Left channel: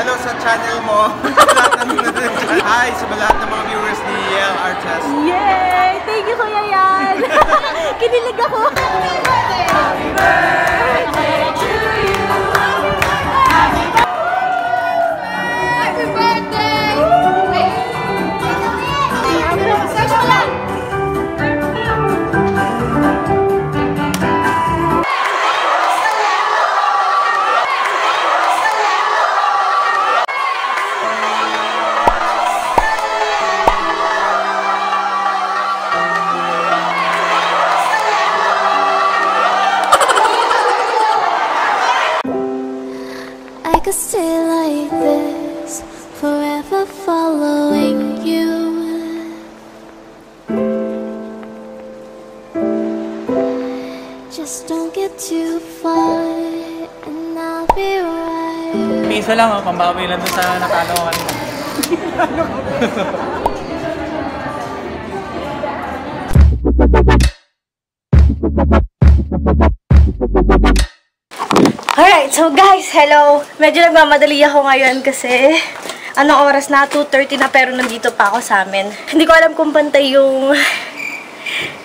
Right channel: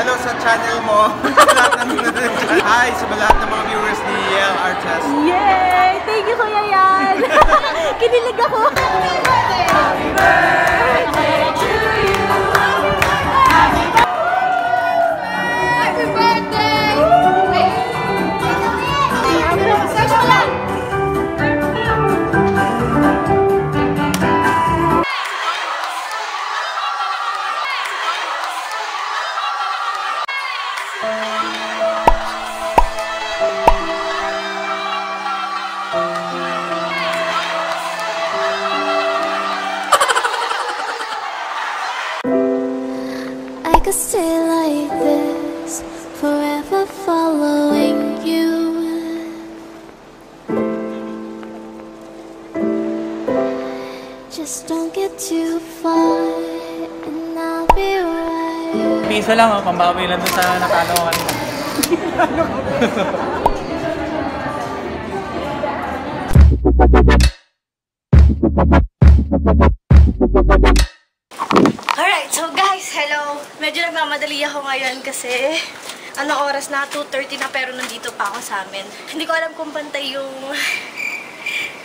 Hello sa channel mo. Hi sa lahat ng mga viewers ni Yale Artist. Yay! Thank you, Kuya Yan! Kinilig ako! Happy birthday! Happy birthday to you! Happy birthday! Search mo lang! I could stay like this, forever following you. Just don't get too far, and I'll be right. Piso lang, oh, pambawi lang dun sa nakalo ko kanina. Alright, so guys, hello! Medyo nagmamadali ako ngayon kasi anong oras na? 2:30 na pero nandito pa ako sa amin. Hindi ko alam kung pantay yung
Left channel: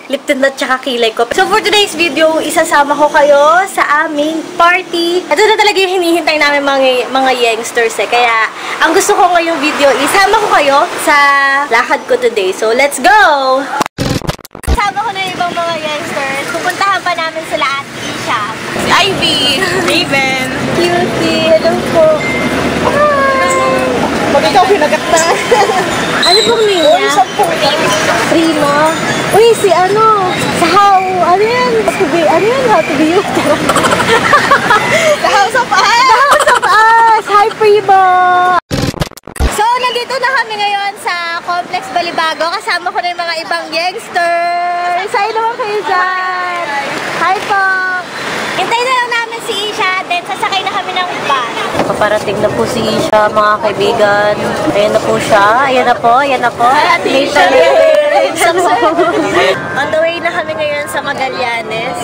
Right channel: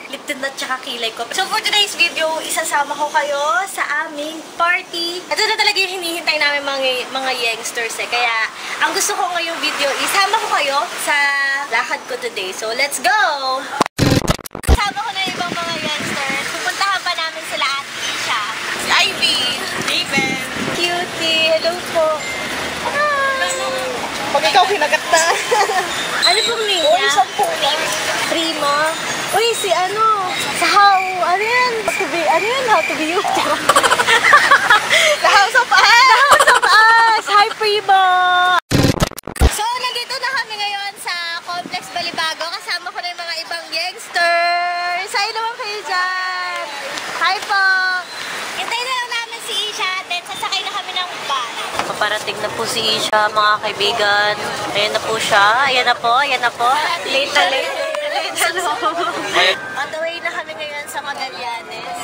lip tint at saka kilay ko. So for today's video, isasama ko kayo sa aming party. Ito na talaga yung hinihintay namin mga youngsters eh. Kaya ang gusto ko ngayong video, isama ko kayo sa lakad ko today. So let's go! Isama ko na yung ibang mga youngsters. Pupuntahan pa namin sila at Isha. Si Ivy, Raven, Cutie, hello po. pag ikaw pinagakta. Ano pong name niya? Prima. Uy, si ano? Sa how? Ano yan? How to be you? The House of Us! The House of Us! Hi, Prima! So, nandito na kami ngayon sa Complex Balibago. Kasama ko na yung mga ibang youngsters. Hi naman kayo dyan. Hi po. Hintayin na lang namin si Isha, then sasakay na kami ng bus. Paparating na po si Isha, mga kaibigan. Ayan na po siya. Ayan na po, ayan na po. On the way na kami ngayon sa Magallanes.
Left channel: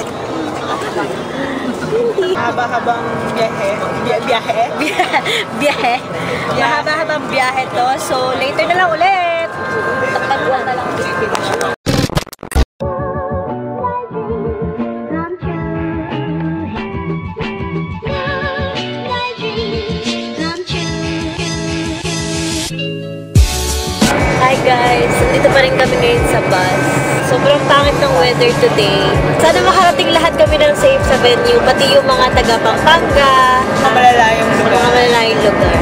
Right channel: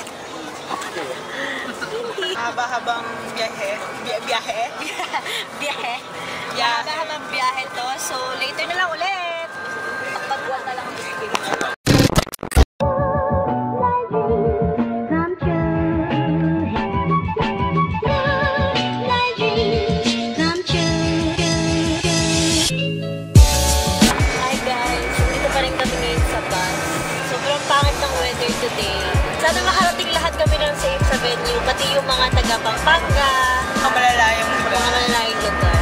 Haba-habang biyahe. Biyahe. Mahaba-habang biyahe to. So, later na lang ulit. Tapagwa na lang. Hi guys, dito pa rin kami ngayon sa bus. Sobrang pangit ng weather today. Sana makarating lahat kami ng safe sa venue, pati yung mga taga Pampanga, Mga malalayong lugar. mga malalayong lugar.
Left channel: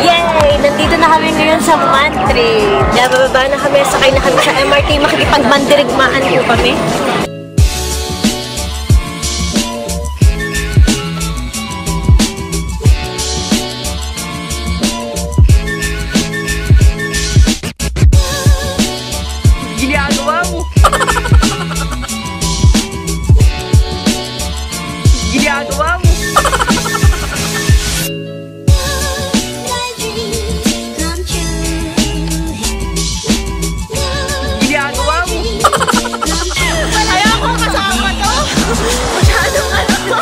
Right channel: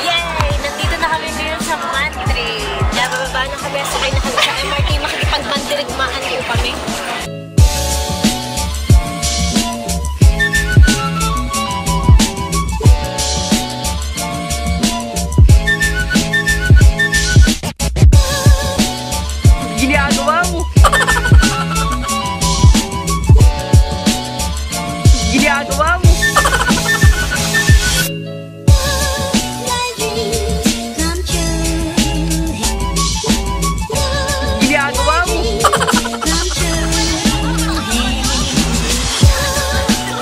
Yay! Nandito na kami ngayon sa Mantri. Kaya bababa na kami, sakay na kami sa MRT, makikipagbandirigmaan po kami. Ginagawa mo! Ginagawa mo! Ginagawa mo! Ayoko kasama to! Masyadong ano to!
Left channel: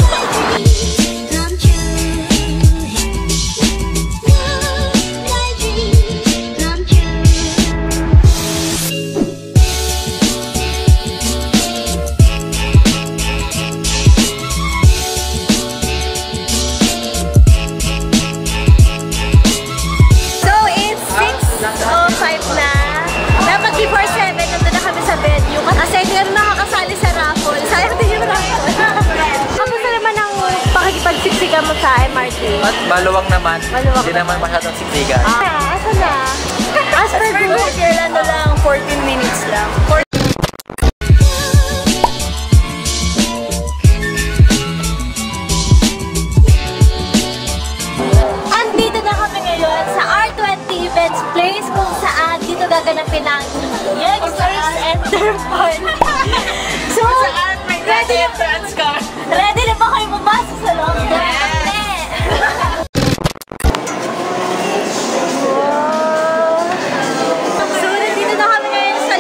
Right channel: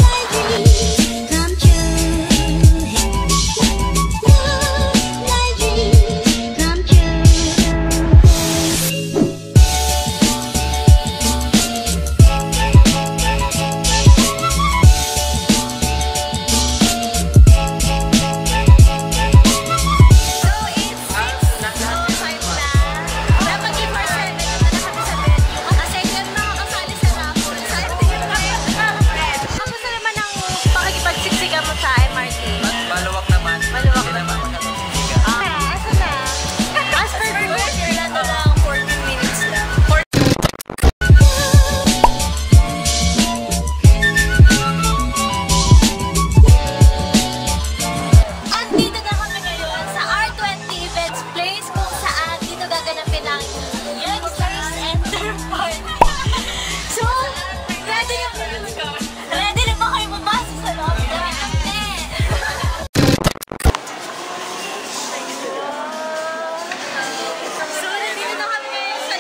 So, it's 6:05 na. Dapat before 7, nandun na kami sa venue. Kasi meron nakakasali sa raffle. Sayang din yung raffle. Kamusta naman ang pakikipagsiksikan mo sa MRT? At maluwag naman. Maluwag Hindi naman masyadong siksikan. Asa na? As per Google, ano lang, 14 minutes lang. Andito na kami ngayon sa R20 Events Place kung saan dito gaganapin ang youngsters and their fun. So, ready na ba kayo bumasa sa loob? So, nandito na kami ngayon sa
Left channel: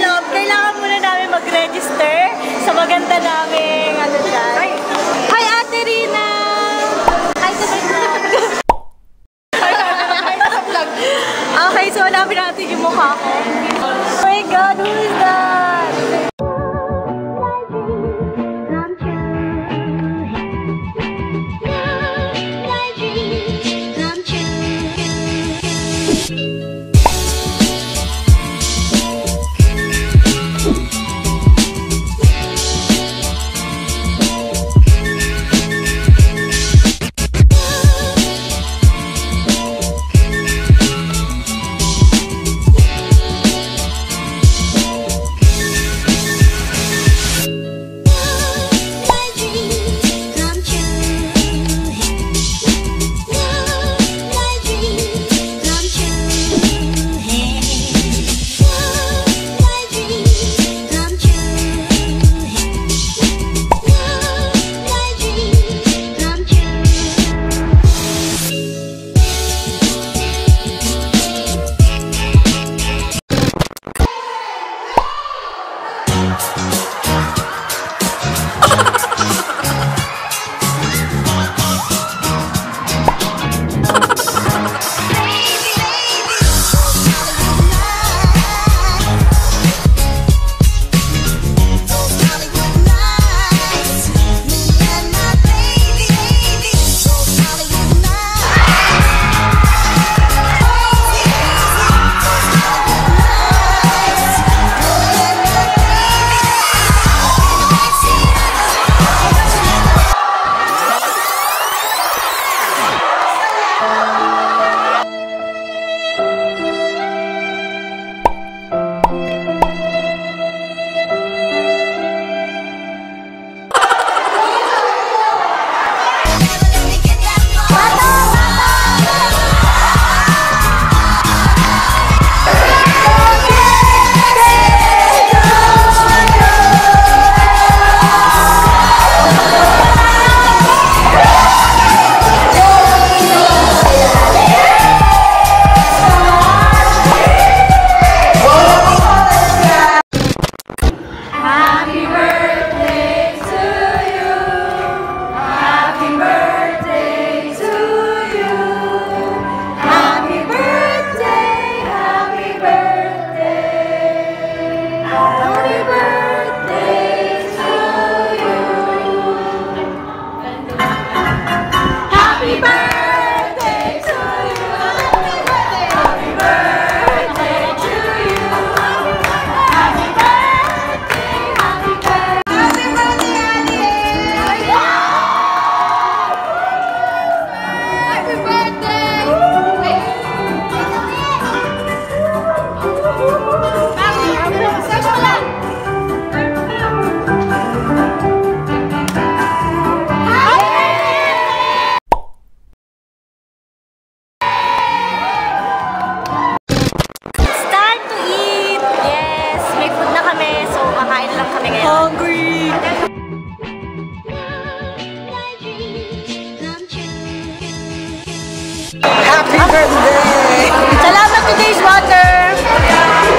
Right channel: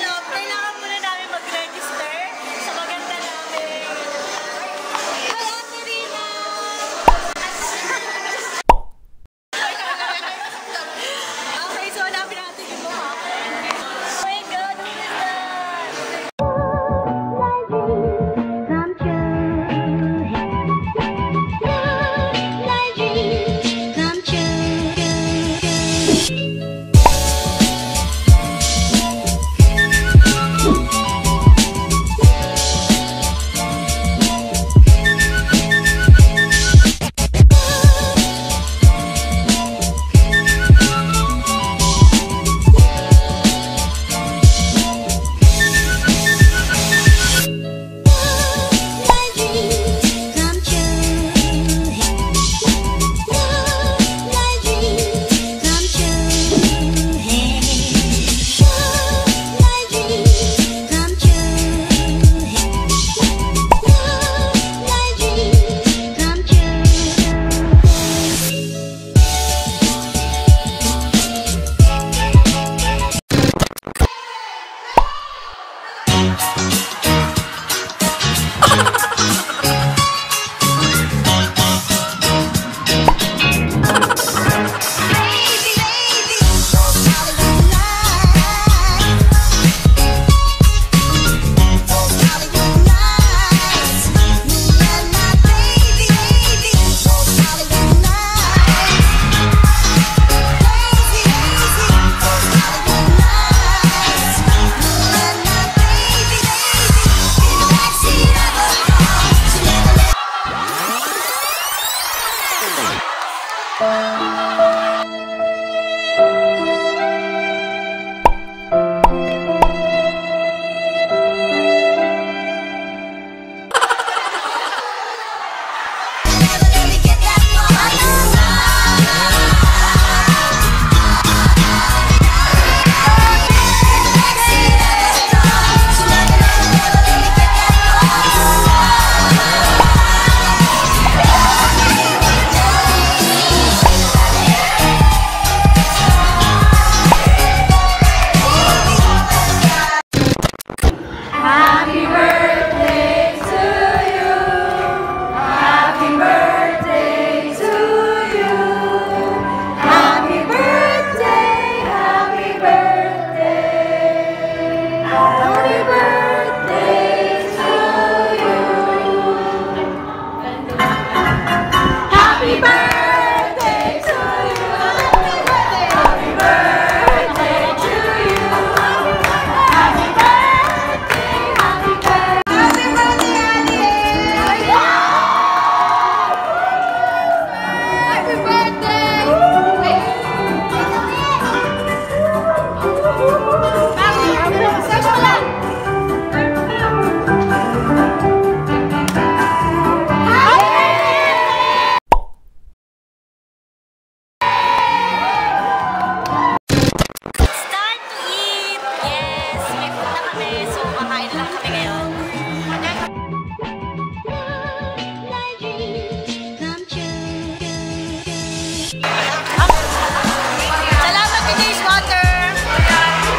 Salamat to Days Water!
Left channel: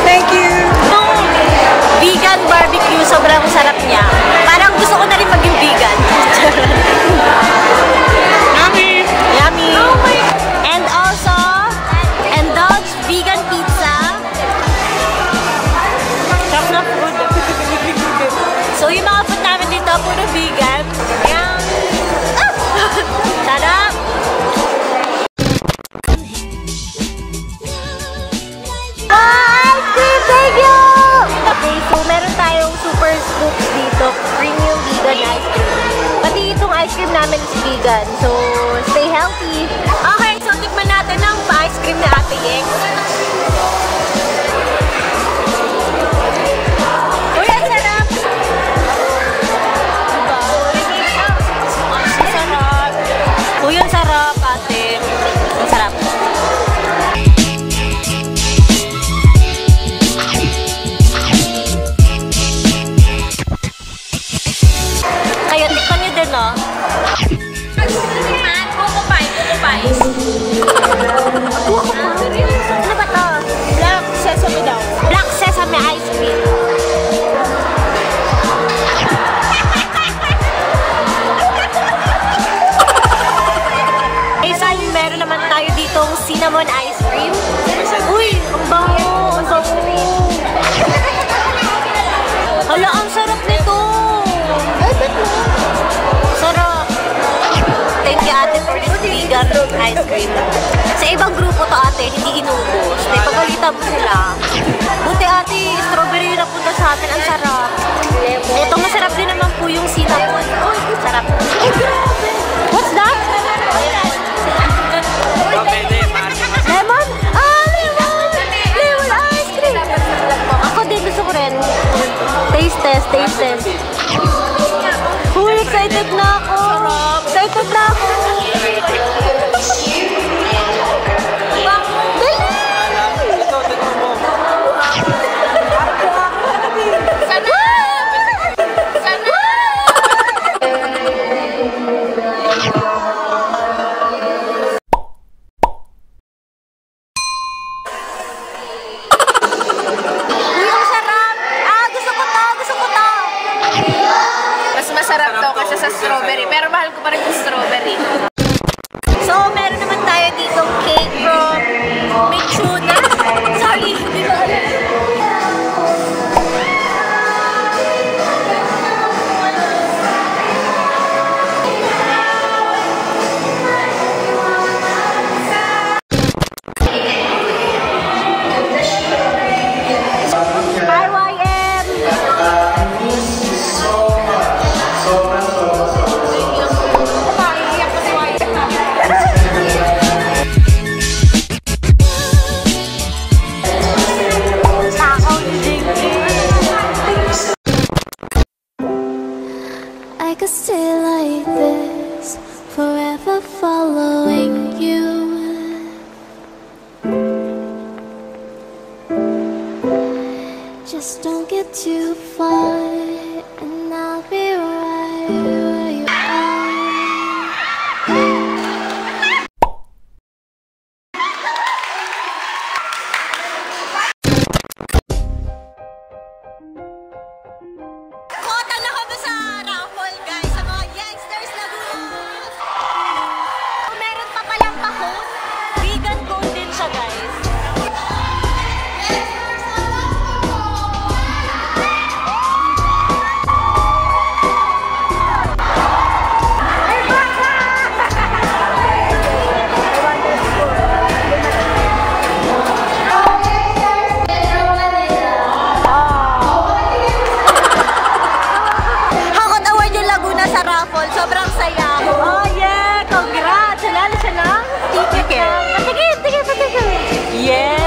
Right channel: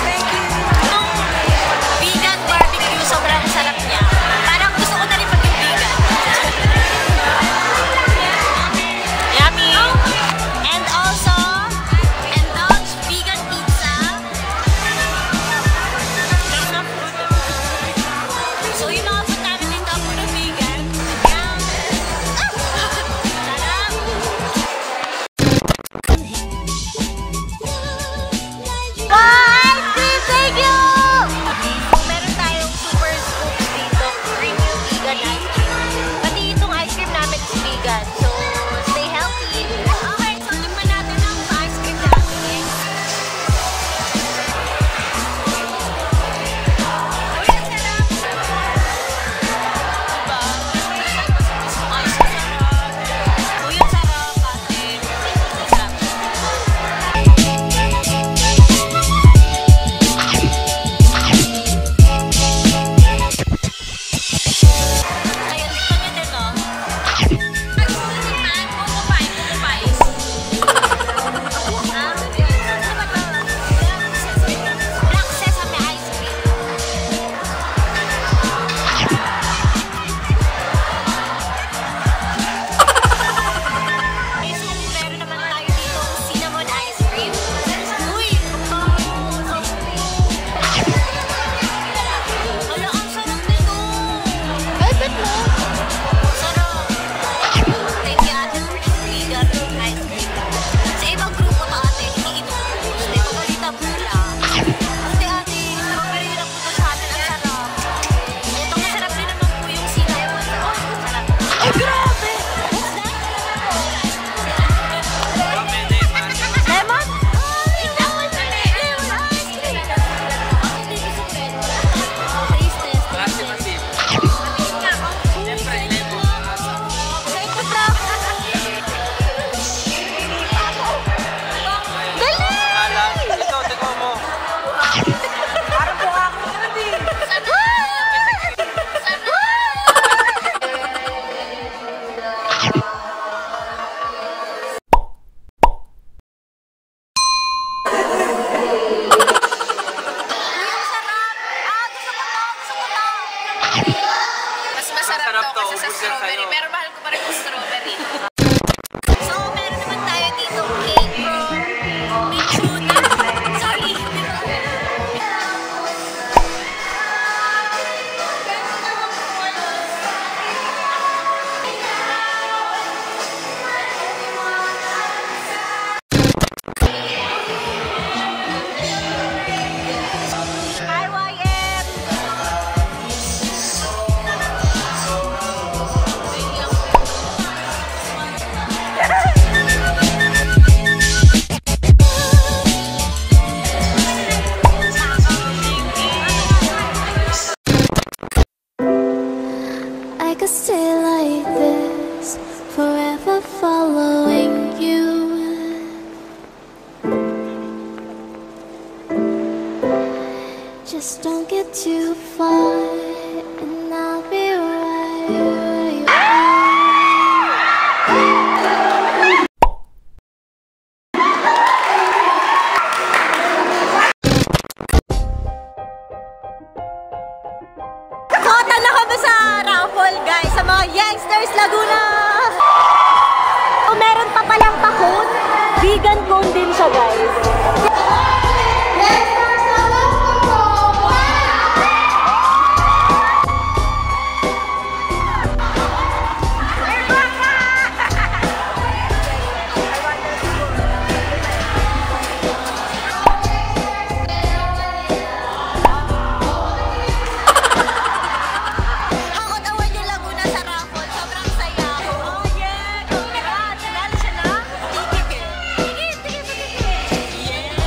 Thank you! Itong vegan barbecue, sobrang sarap niya. Parang gusto ko na rin maging vegan. Yummy! Yummy! And also, indulge vegan pizza. Sarap na food. So yung mga food namin dito, puro vegan. Yan! Sarap! Thank you! Okay, so meron tayong super scoops dito. Premium vegan ice cream. Pati itong ice cream namin is vegan. So, stay healthy. Okay, so tikman natin ang ice cream na Ate Yeng. Uy, ang sarap! Diba? Ang sarap. Uy, ang sarap, ate. Ang sarap. Kaya tikman nyo din, no? Coco pie, Coco pie. Ano ba to? Black sesame daw. Black sesame ice cream. Isa, meron naman tayo ditong cinnamon ice cream. Uy, ang bango, ang bango. Hala, ang sarap nito. Sarap. Thank you, ate, for this vegan ice cream. Sa ibang grupo to, ate, hindi inubos. May pagalitan po sila. Buti, ate, strawberry yung napunta sa atin. Ang sarap. Itong masarap din naman po yung cinnamon. Sarap. What's that? Lemon? Ah, lemon! Lemon ice cream! Ako din, gusto ko rin. Taste test, taste test. Uy, excited na ako. Excited na ako. Just don't get too far, and I'll be right where you are. Kota na kami sa raffle, guys, sa mga Youngsters Laguna. Meron pa palang pakon. Vegan cone din siya, guys. Hakot award yung Laguna sa raffle. Sobrang saya. Oh yeah! Congrats! Nanalo siya ng ticket. Patigil! Yes!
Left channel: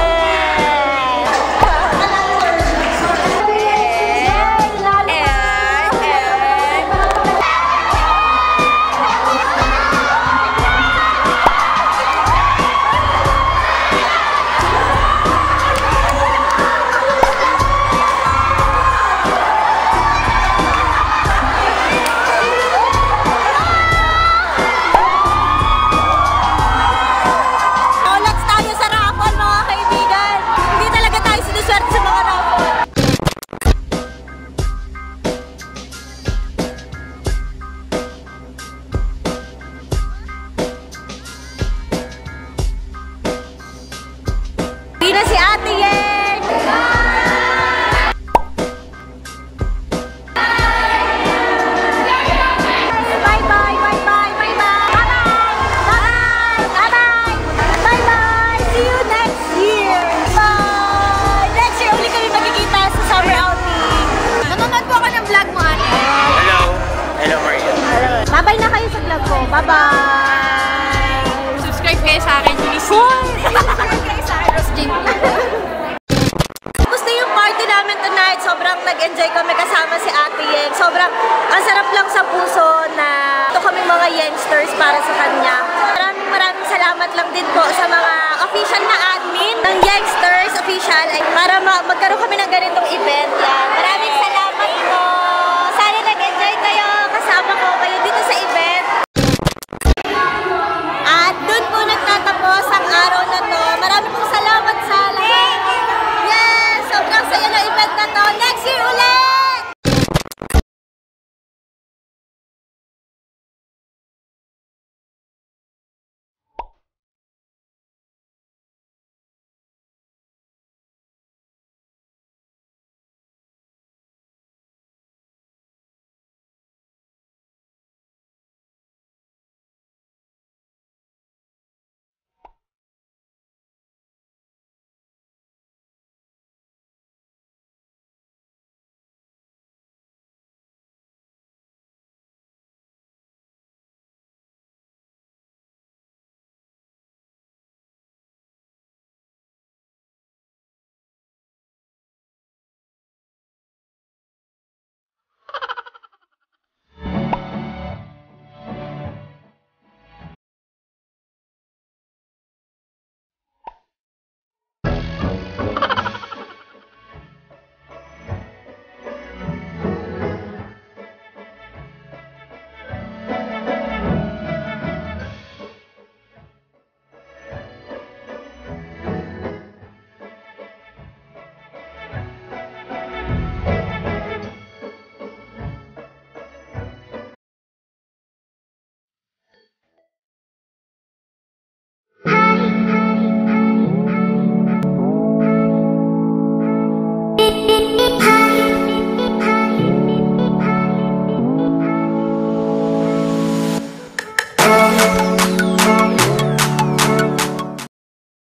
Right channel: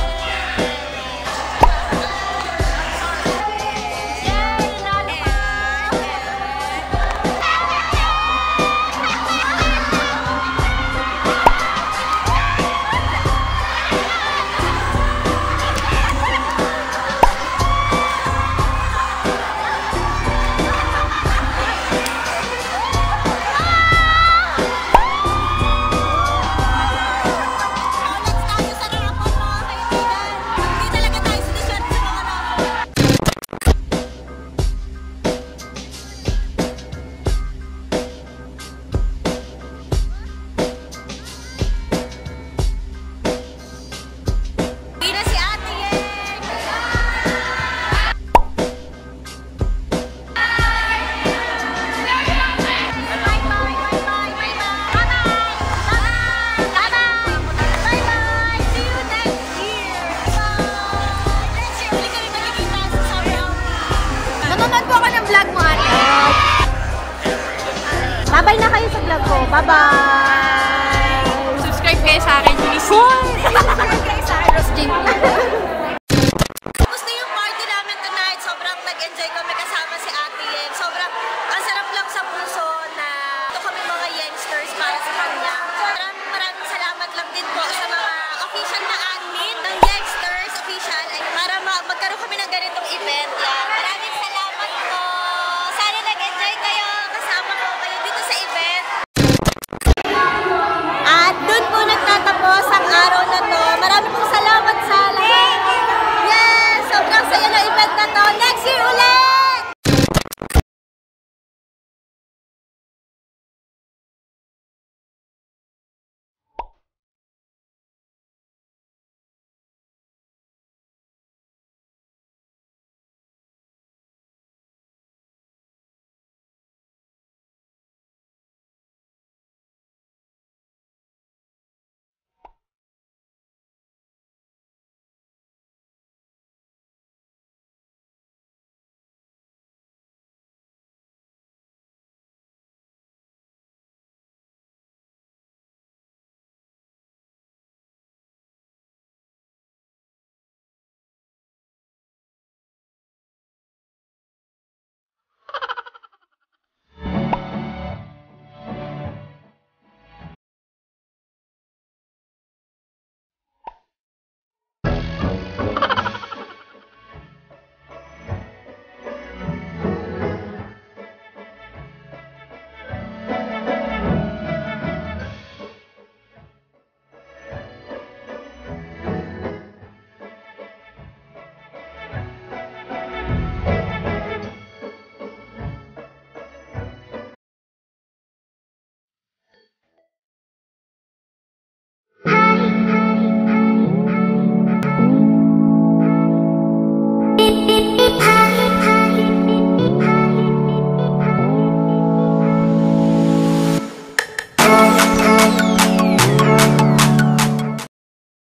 Olats tayo sa raffle, mga kaibigan. Hindi talaga tayo sinuswerte sa mga raffle. Di na si Ate Yeng! Bye-bye! See you next year! Bye! Next year, uli kami magkikita sa summer outing. Nanonood po ako ng vlog mo, Ate. Hello, Maria. Bye-bye na kayo sa vlog ko. Bye-bye! Subscribe kayo sa akin, please. Subscribe kayo sa akin, Rosjin. Gusto yung party namin tonight. Sobrang nag-enjoy kami kasama si Ate Yeng. Sobrang ang sarap lang sa puso na ito kami mga Youngsters para sa kanya. Maraming salamat lang din po sa mga official na admin ng Youngsters official ay para magkaroon kami ng ganitong event.